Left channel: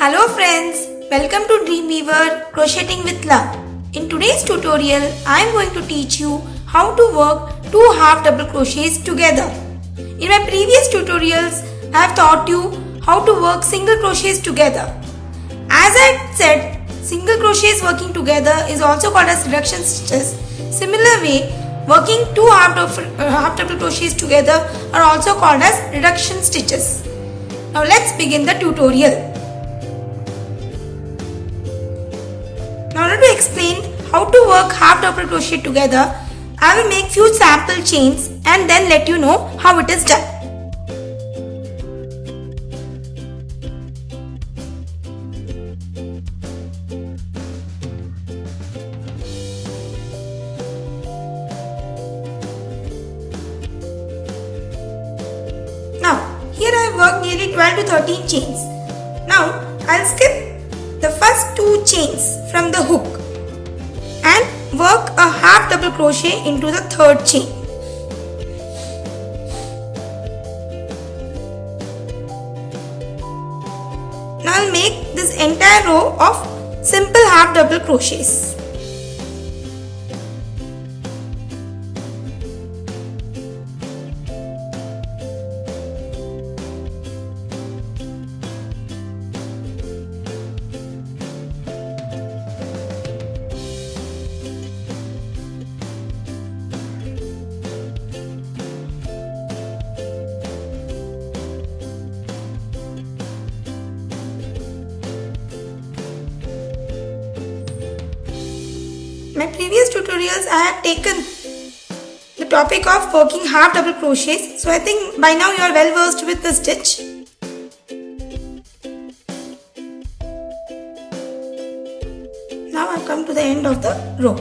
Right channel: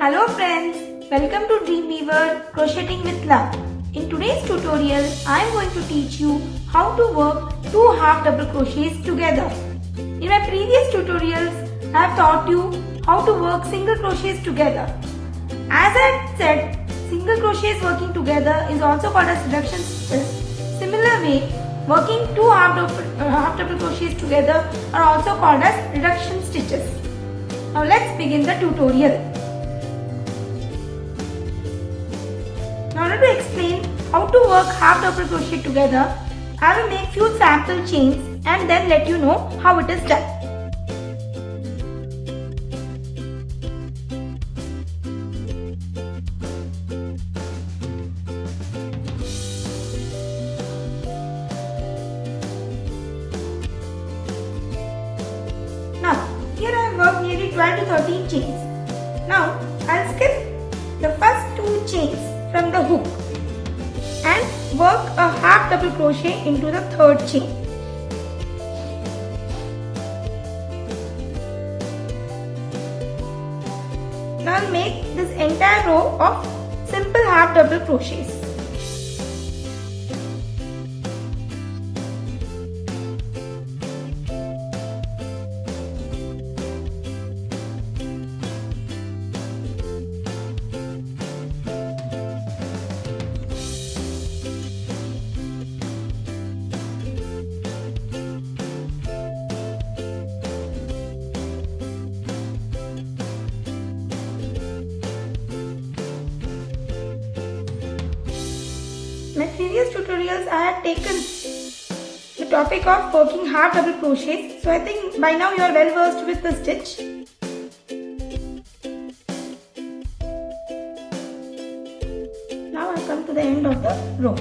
Hello friends, welcome to Dreamweaver Crocheting with Love. In today's tutorial, I am going to teach you how to work two half double crochets together. In my previous tutorials, I have taught you how to work single crochets together. As I said, single crochets working together is also called as reduction stitches. Similar way, working two half double crochets together are also called as reduction stitches. Now let's begin the tutorial. Now in order to explain how to work half double crochet together, I will make few sample chains and then let you know how it is done. Now here I have worked nearly 12 to 13 chains. Now I will skip the first two chains from the hook and work a half double crochet into the third chain. Now I'll make this entire row of simple half double crochets. My previous tutorials I have taken the topic of working half double crochets, so I think by now you are well versed with the stitch. Now I have come to the end of the row.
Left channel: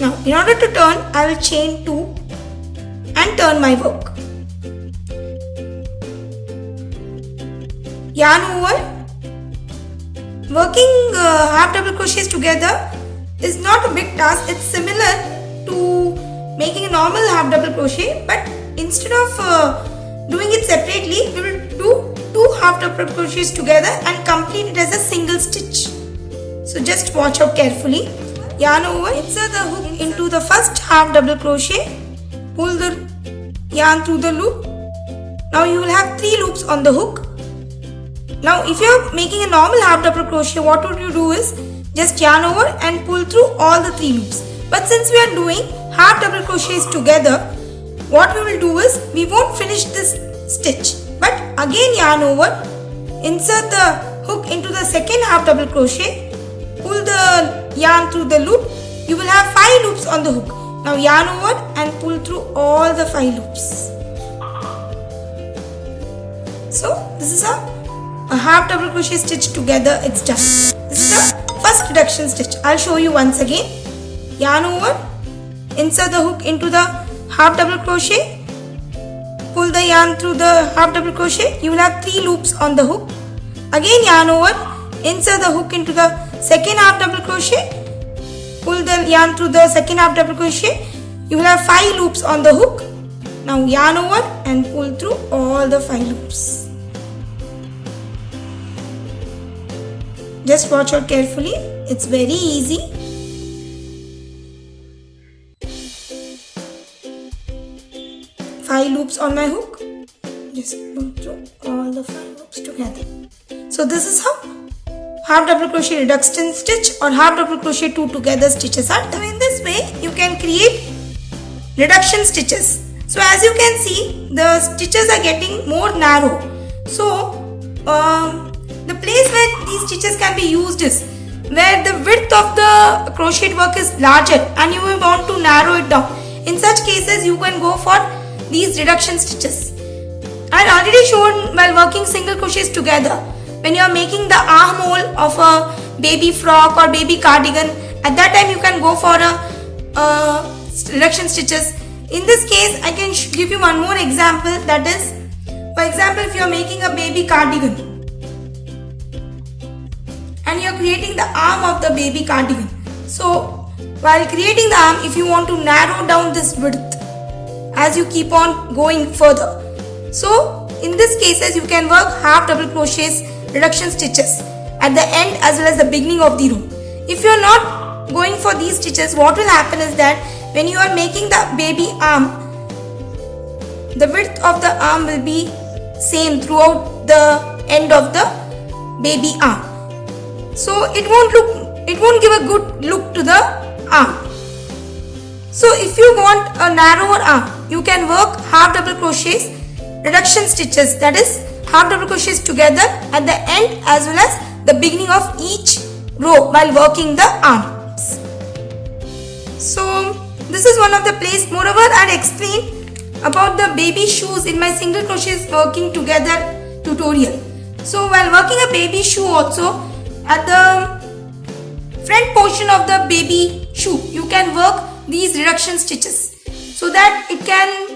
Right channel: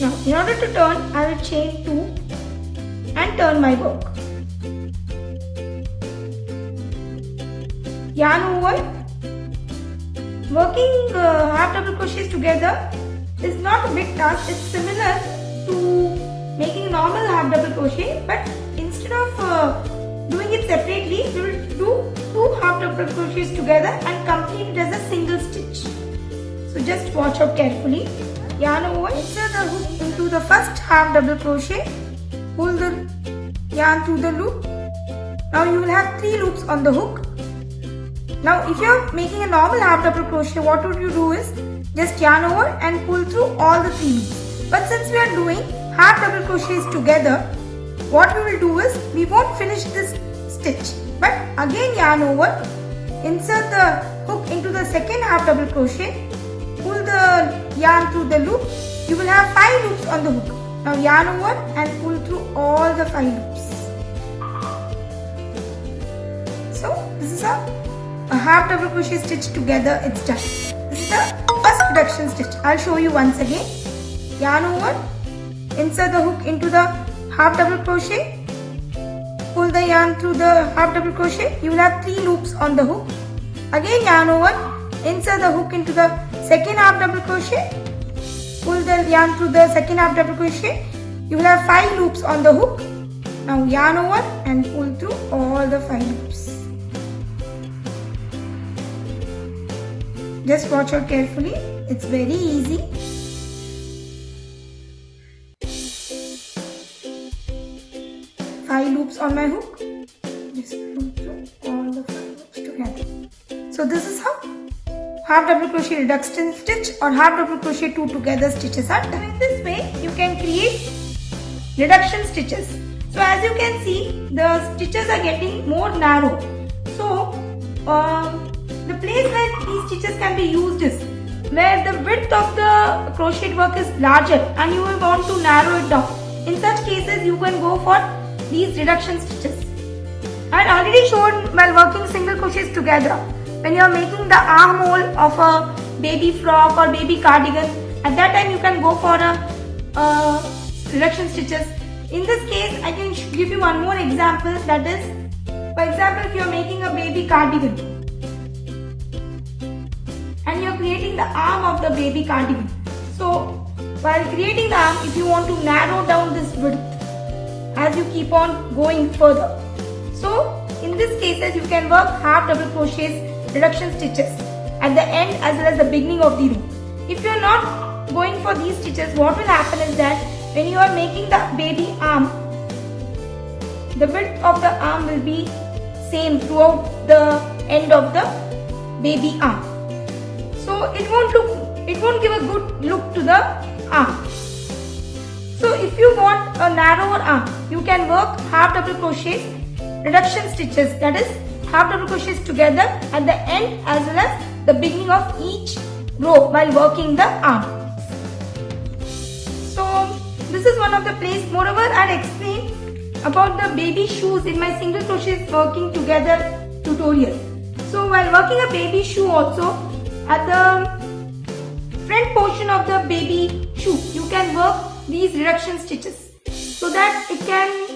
Now in order to turn, I will chain 2 and turn my work. Yarn over. Working half double crochets together is not a big task. It's similar to making a normal half double crochet, but instead of doing it separately, we will do two half double crochets together and complete it as a single stitch. So just watch out carefully. Yarn over, insert the hook into the first half double crochet, pull the yarn through the loop. Now you will have 3 loops on the hook. Now if you are making a normal half double crochet, what would you do is just yarn over and pull through all the 3 loops. But since we are doing half double crochets together, what we will do is we won't finish this stitch, but again yarn over, insert the hook into the second half double crochet, pull the yarn through the loop. You will have 5 loops on the hook. Now yarn over and pull through all the 5 loops. So this is a half double crochet stitch together, it's done. This is the first reduction stitch. I'll show you once again. Yarn over, insert the hook into the half double crochet, pull the yarn through the half double crochet. You will have 3 loops on the hook. Again yarn over, insert the hook into the second half double crochet, pull the yarn through the second half double crochet. You will have 5 loops on the hook. Now yarn over and pull through all the 5 loops. Just watch out carefully, it's very easy. Five loops on my hook. Just pull through all the 5 loops together. So this is how half double crochet reduction stitch or half double crochet 2 together stitches are done. In this way, you can create reduction stitches. So as you can see, the stitches are getting more narrow. So the place where these stitches can be used is where the width of the crochet work is larger and you will want to narrow it down. In such cases, you can go for these reduction stitches. I had already shown while working single crochets together. When you are making the armhole of a baby frock or baby cardigan, at that time you can go for a reduction stitches. In this case, I can give you one more example, that is, for example, if you are making a baby cardigan and you are creating the arm of the baby cardigan. So while creating the arm, if you want to narrow down this width as you keep on going further, so in this cases you can work half double crochets reduction stitches at the end as well as the beginning of the row. If you are not going for these stitches, what will happen is that when you are making the baby arm, the width of the arm will be same throughout the end of the baby arm. So it won't give a good look to the arm. So if you want a narrower arm, you can work half double crochets, reduction stitches, that is half double crochets together at the end as well as the beginning of each row while working the arms. So this is one of the place. Moreover, I explained about the baby shoes in my single crochets working together tutorial. So while working a baby shoe also, at the front portion of the baby shoe, you can work these reduction stitches so that it can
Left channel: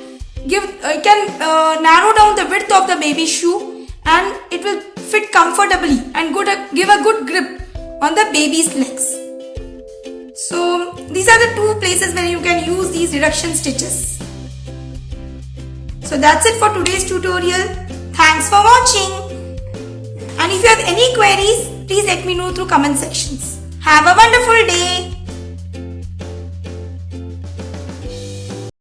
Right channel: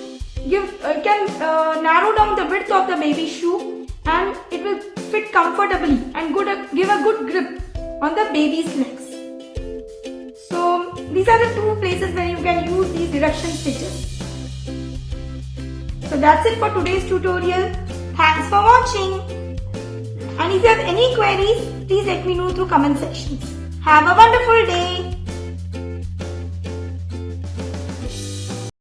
narrow down the width of the baby shoe and it will fit comfortably and give a good grip on the baby's legs. So these are the two places where you can use these reduction stitches. So that's it for today's tutorial. Thanks for watching. And if you have any queries, please let me know through comment sections. Have a wonderful day.